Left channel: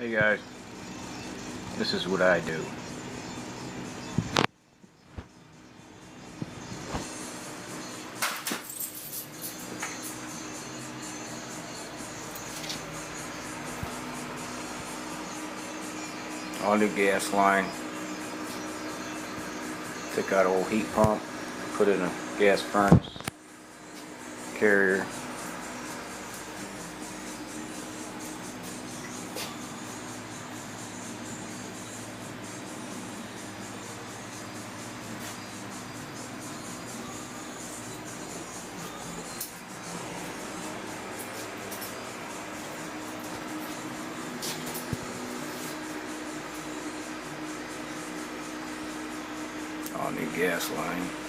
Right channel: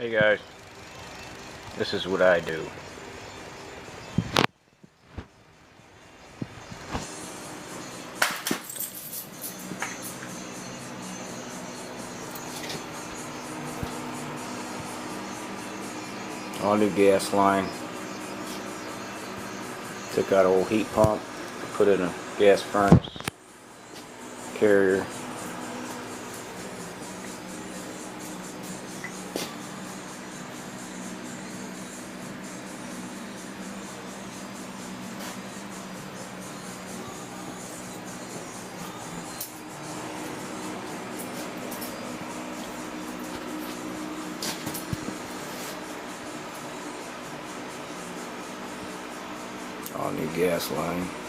Hey guys, this is what I do. All new gas line. Took out an old heat pump, put in a gas furnace, carrier. All new gas line.